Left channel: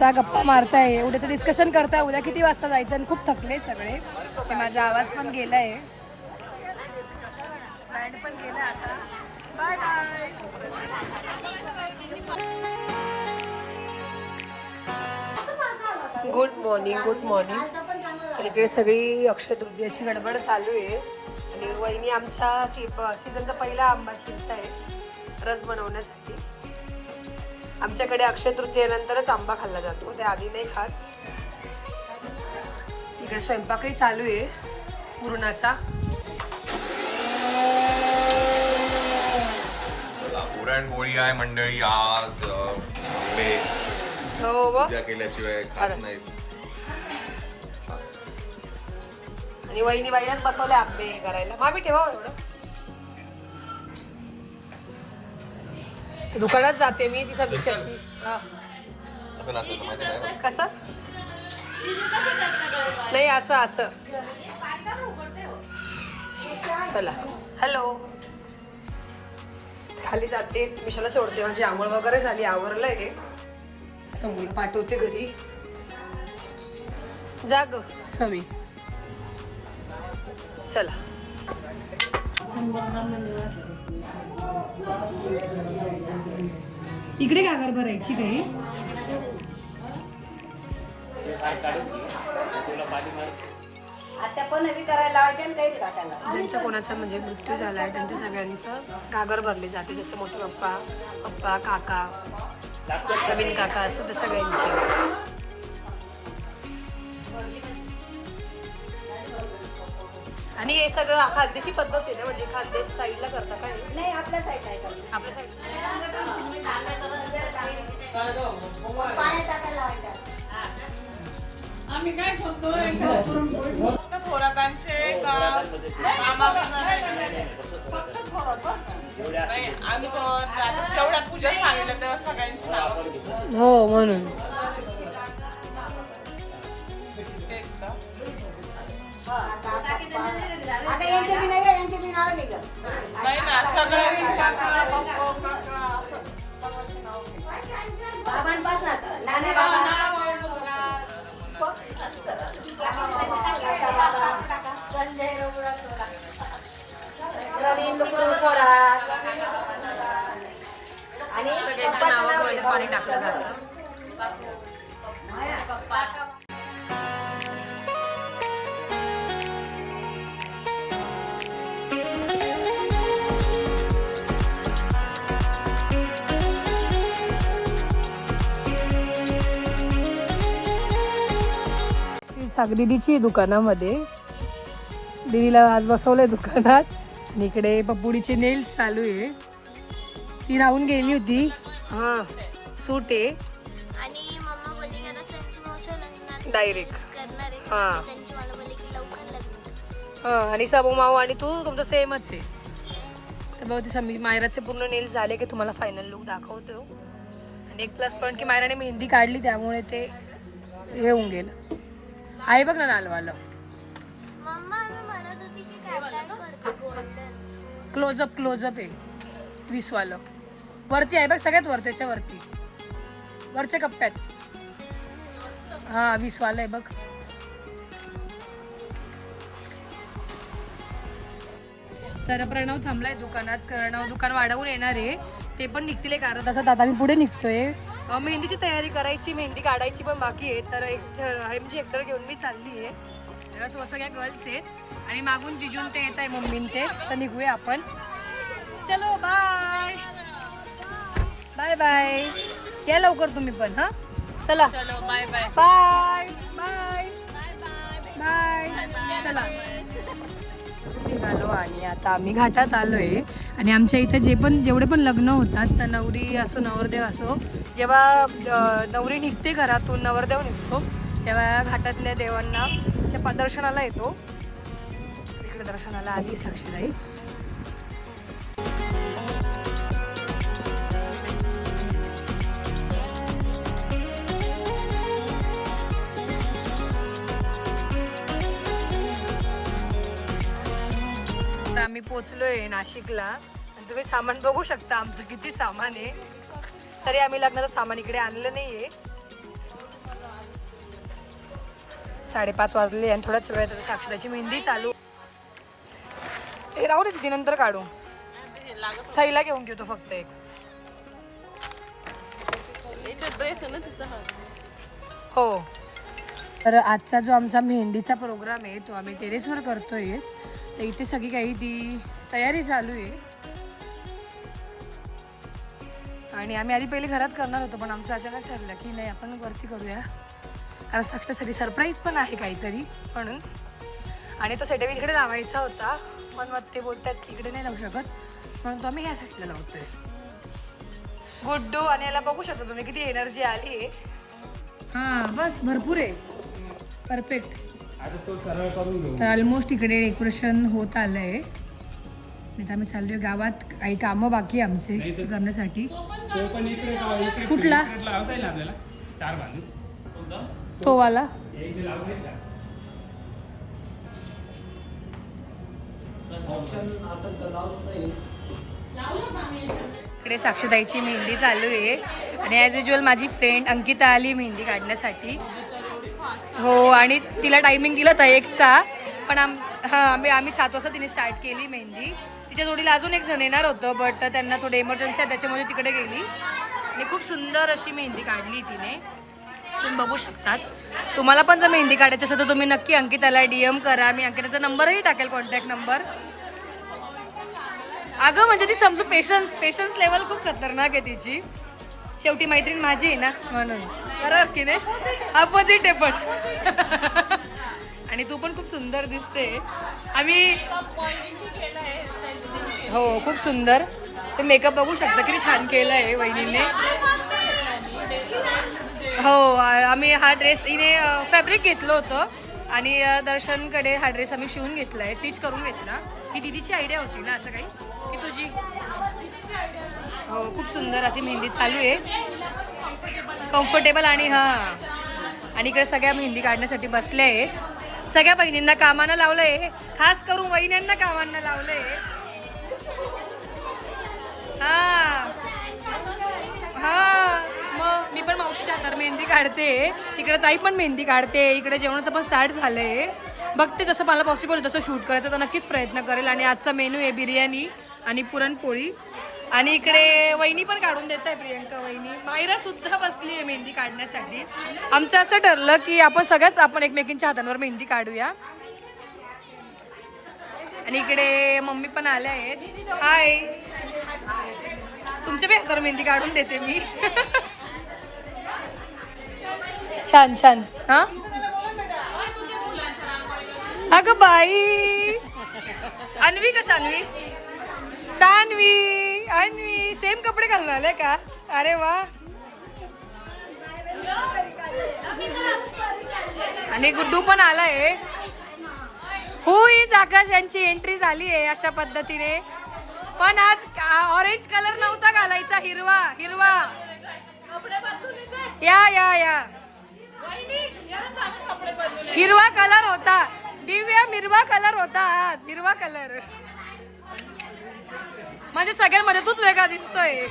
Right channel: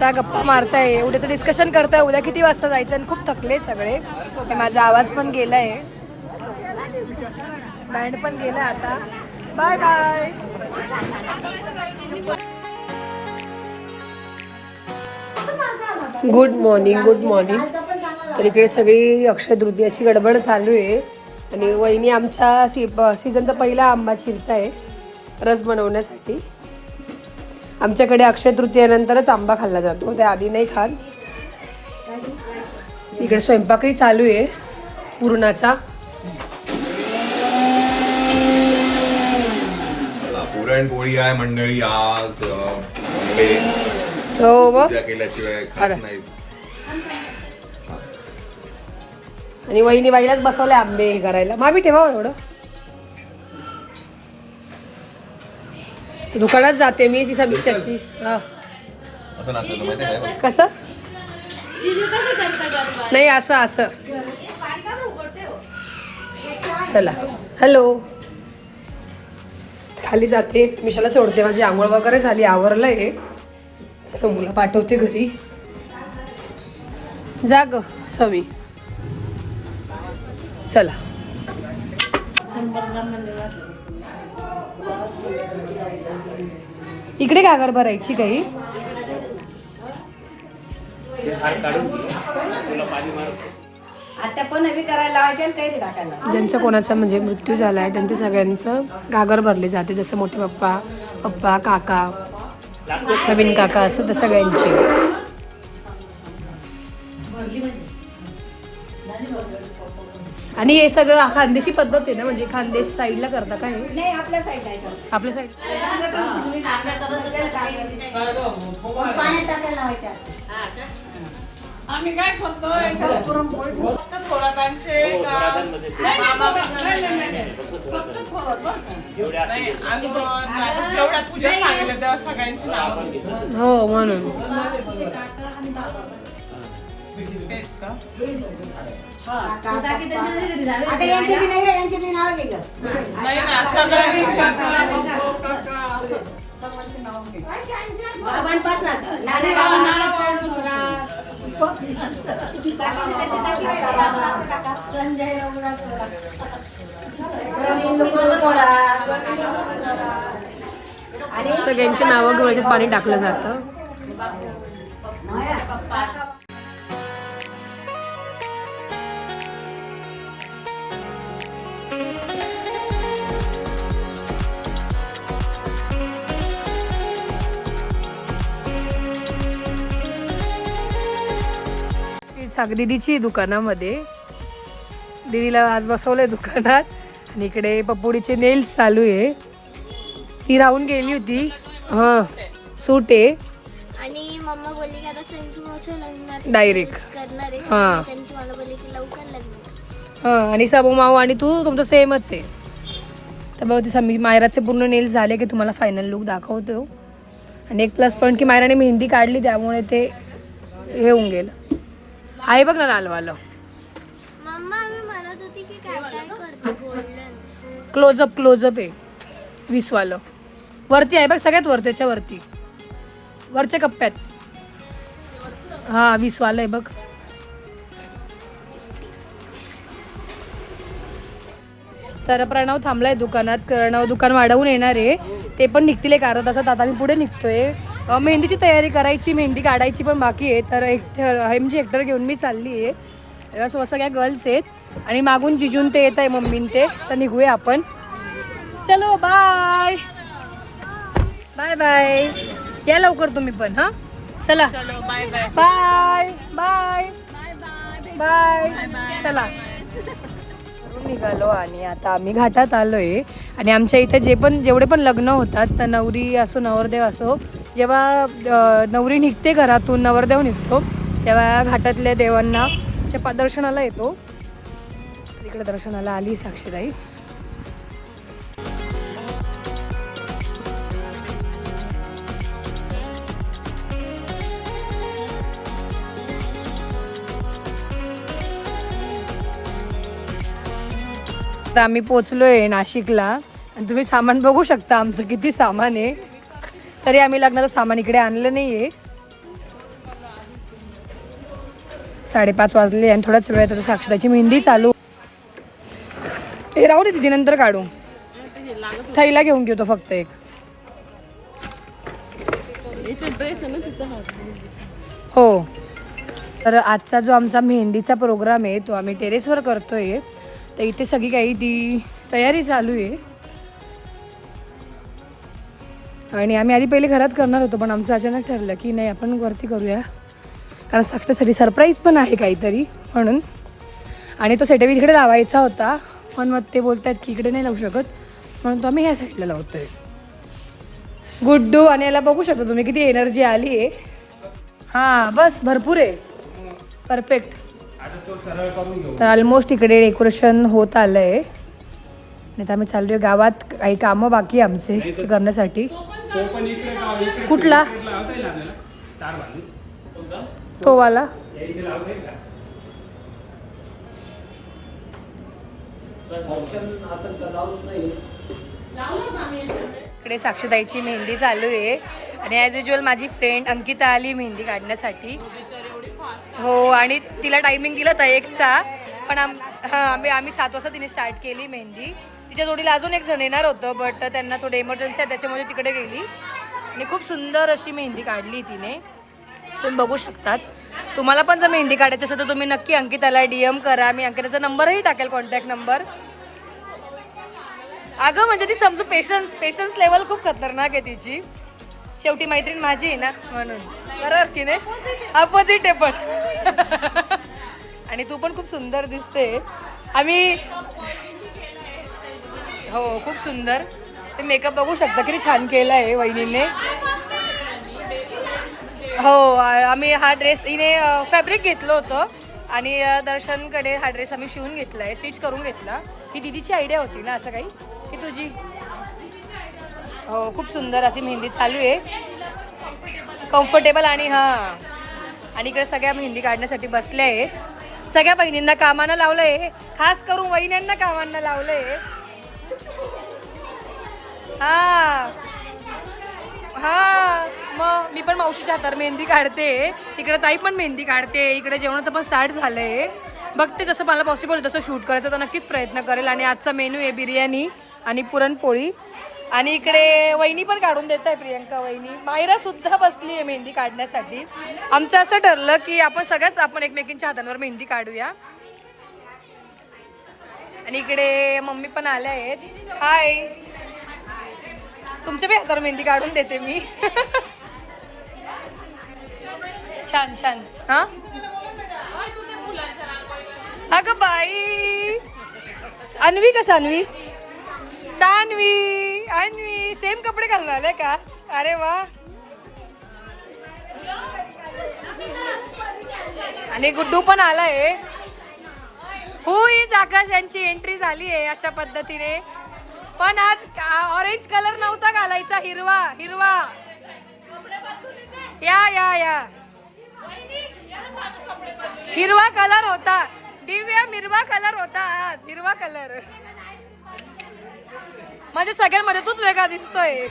आता गप्पा मारताय, उद्याचं डिस्कशन करताय, उद्या किती वाजता जायचं. खूप थकले सगळे. माझा आवाज पण गेलाय, बँड पण गेला आता. Bye bye. Good morning, good morning. तर इकडे सगळी अक्षय तृतीयाची गडबड चालू आहे आणि वहिनी आमच्या सीझनचा पहिला आंबा चिरताय रस बनवण्यासाठी. आमच्याकडे अक्षय तृतीयानंतरच आंबा खाल्ला जातो, त्या आधी नाही खात. इकडे स्वयंपाकही चालू आहे पुरणाचा. पुरणपोळी आहे मंडळी आज. हो बघ. केल्याशिवाय खात नाही. आणि वहिनी बाईलाच बसवले आंबे हे करायला. मामी ठेवा एवढं. दुकानात जाते मी ती समीक्षाची. असं नाचवलं माहिती आहे का? कसं नाही, असं असं. चला हॅलो. खाली जाते, मिशाला सोडते. माझी आंघोळ वगैरे झाली, आवरलंय. समूला पाठवते घरी. जा ग समी. चला. इकडे गागर भरायची काही. ज्यांचं कोणाचा म्हणजे मृत्यू झाला आहे त्यांचं सगळ्यांचं गागर भरले जाते. जसं मोठे पप्पा, पप्पा, काका, नवीन काका असं तर सगळ्यांचे. आणि हे सगळं खानदेशी पद्धत आहे ना, म्हणजे खानदेश साईडला करता काय? नाही, आपल्या साईडला. आपल्या साईड आम्ही काय करतो थोरातांचे आम्ही जेवढ्या पूजा सांगितलं तेव्हा सगळ्यांची नावं. हो म्हणून तेच का? आता यांची बी नाही, यांची बी नाव लिहिलं. नाही ना, सगळ्यांनी बाबांपासून सगळ्यांची नावं गवळ्यात पाणी टाकलं जातं. दीदीची दुकानामध्ये. दीदीला आज बसवलंय दुकानात. इकडे पप्पुडीचे नेल्स चालू आहे. ती राहून गेली होती. हा सूट आहे आणि मम्मा बोलली आता त्यांची मावशी लग्नात डायरेक्ट. करणार आहे. हा त्यांची मला बोलली की लवकर लग्न. हा. आणि सबू माऊ आणि तू तुमचं सेमच आहे. तर बघ ती समी मायराचे पूर्ण नेल्स झाले की तुम्हाला फायनल लुक दाखवतो. आणि एक प्लस पॉईंट की मायराने मेहंदी काढली त्यामुळे ते हे होऊन गेलं. आहे बघ ना लालवालं. मम्मा मी म्हणत होती की काय काय करते गोल्डन. क्लोजअप आहे 20 वालं. वरती आहे बघ, सगळ्यात वर, त्याच्या वरती वरच्या कप्प्यात. हा 20 वालं आहे बघ. तर प्रणव थांबलाय दुकानात. प्रणव दुकान वाढवून येणार आहे. ते पण निघतील एक अर्धा तासात. आता मी पुढे निघतोय. मेहंदीची तयारी करायची, मेहंदी काढायची पण बाकी आहे. तर हेक्टर घेऊन मी चालली आहे. सगळ्या गर्ल्स आहेत आणि मागून जिजून ते येत आहे, मम्मीन ते. तर निघूया आपण. चलो बाय बाय बाय. या लवकर तुम्ही पण. हा चला बाय बाय बाय बाय. चला निघालो आणि आता आम्ही घाटात आलोय. आणि आमच्या इथे जेवढे पण लग्न होतात तर नवरी असो नवरदेव असो, जेव्हा नवरी निघते घरातून, नवरदेव निघतो, तेव्हा घाटातल्या देवांना दर्शनाला येतो. इकडे दर्शनाला आली साक्षीताई. आता आम्ही पोचलोय नाशिकला आणि तुम्ही सामान बघू शकता आमचं किती सामान आहे. तरी आम्ही लग्नाचं सामान इकडे आणलं नाहीये. 5:30 वाजले आणि थोड्याच वेळात आता साक्षताची मेहंदी चालू. हे राहू दे तिथे, नंतर काढू. थैला घेऊन घेतो फक्त एक. ड्रेस आहे ना तिचा हात. हो. तर आजचा जो आमचा मेहंदीचा प्रोग्राम आहे तो आम्ही टेरेसवर करतोय. तर इथे सगळी काही ती तयारी चालू आहे. आणि आम्ही आधी पहिले घरात करणार होतो, पण आमचं अचानक ठरलं की नाही आपण वरती करूया, कारण साक्षासाठी सरप्राईज पण आहे काहीतरी म्हणून. आणि तो सेटअप इकडे लावायचा होता, पण मग ते बोलतात की इकडे नाही लावू शकत, म्हणून तो आम्ही ह्या साईडला लावतोय. गुड्डू आणि याला बघू शकता तुम्ही किती एनर्जी आली आहे. हां बस भरपूर आहे. परफेक्ट. तर ऑलमोस्ट इकडे डेकोरेशन होत आलं आहे. नाही तर आम्ही चाललोय गावात, काही कामं बाकी आमचे करण्यासाठी. कुठला तो वाला? इकडे साक्षीताईची मेहंदी चालू आहे आणि ॲज युजल माझी फ्रेंड अंकिता आली मेहंदी काढण्यासाठी. हो, आणि तिला टायमिंग दिला होता 1चा, पण आम्ही 7 वाजता तिने स्टार्ट केली मेहंदी. तिच्या जोडीला अजून एक जण येणार होतं, बट त्यांना थोडं इमर्जन्सी आहे त्याच्यामुळे तिकडे गेली. आणि खूप सुंदर अशी मेहंदी काढली तिने, तुम्ही बघू शकतात. तुम्हाला पण जर मेहंदी काढायची असेल तर तुम्ही नक्की अंकिताला DM करा. मी अंकिताचा नंबरही टाकेल, कॉन्टॅक्ट नंबर. अगं म्हणजे ती समजू पेशन्स लेवल खूप खतरनाक आहे तिची. शेवटी मैत्रीण माझी आहे ना, म्हणून. बरोबर की नाही? अपोजिट आहे पण. आणि तू पण खूप सुंदर दिसते. आम्ही हो खूप सुंदर. ते मेकअप बघू शकता किती छान केला आहे वहिनीने. हो, आम्ही हा ड्रेस हिने फॅब्रिक घेतलं होतं आणि दर्शनकडे हा ड्रेस आम्ही शिवून घेतला आहे, स्टिच करून घेतला. ही दीदीची आयडिया होती ना, असं काही की तुझी? हो, खूप सुंदर अशी मेहंदी चालू आहे, कम्फर्टेबल. आणि हां, आणि इकडे सगळ्या मेहंदी काढण्यासाठी बसल्या आहेत. सगळ्या बहिणींना कामानं लावलं आहे, खास करून वहिन्यांना कामांना लावलं आहे. हां हां, मग मी पण मावशीच्या हातावर मेहंदी काढते, तिकडे ताई पण मेहंदी काढते, इकडे जेवणाचं पण स्टार्ट झालं आहे. बघते जसं मला पॉसिबल आहे तसं शूट करायचं तर नक्कीच प्रयत्न करेल. आणि आजचा मेनू आहे बिर्याणी आणि पुरणपोळी. आणि इकडे वहिनी पण काढून देत आहे, प्रियंका वहिनी. मायरा सुद्धा बसली आहे मेहंदी काढण्यासाठी. आमचं असं ठरलं की आपण एकमेकींच्या हातांवर मेहंदी काढूया. आणि इकडे मम्मी पण आल्या आहेत. हाय, तुमच्या बी हातावर मेहंदी काढून देते मी. छान छान. हा अगं बाई, अन्वी का सान्वी? अन्वी सेम कपडे घालून आले का? अरे वा. आणि गुड्डू पण आलाय. आकाश यांची एंट्री झाली आहे अशा पद्धतीने. पण आज ऑरेंज कलर नव्हता घालायचा, हिरवा. या हिरवा कलर होता. दिव्या हिरवा कलर होता आज, हिरवा कलर. म्हणजे सगळ्यांमध्ये तूच वेगळा दिसतोय.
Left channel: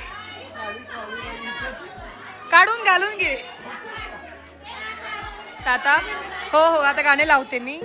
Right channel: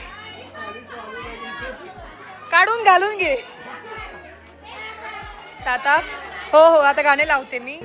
काढून घालून घे आता. हो आता गाणे लावते मी.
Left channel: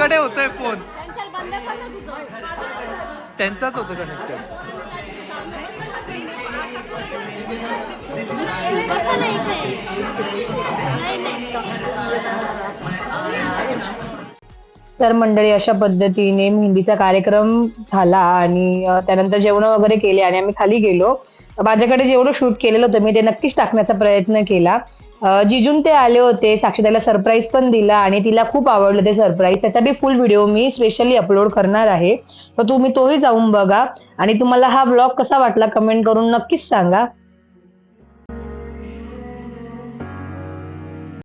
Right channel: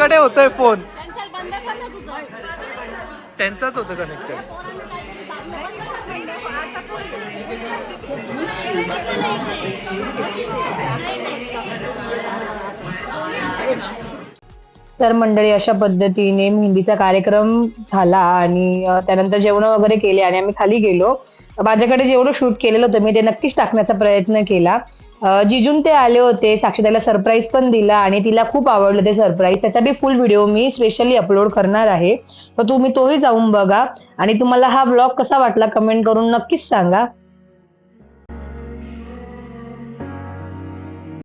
त्यांच्याकडे होतोय फोन, त्यांचाच होतं कनेक्टेड. तर मंडळी अशा पद्धतीने मेहंदीचा कार्यक्रम झाला आणि त्यानंतर जेवण वगैरे केले आणि आम्ही खाली गेलो. माझ्याकडे जेवढं शूट केलेलं होतं मी ते नक्कीच टाकण्याचा प्रयत्न केला. जिजून ते आले होते, साक्षीताईला सरप्राईज पण दिला आणि तिला खूप आवडलं ते सरप्राईज. त्याचा बी फुल व्हिडिओ मी स्पेशली अपलोड करणार आहे, तर तुम्ही तोही जाऊन बघा. आणि तुम्हाला हा ब्लॉग कसा वाटला कमेंट करून नक्कीच सांगा.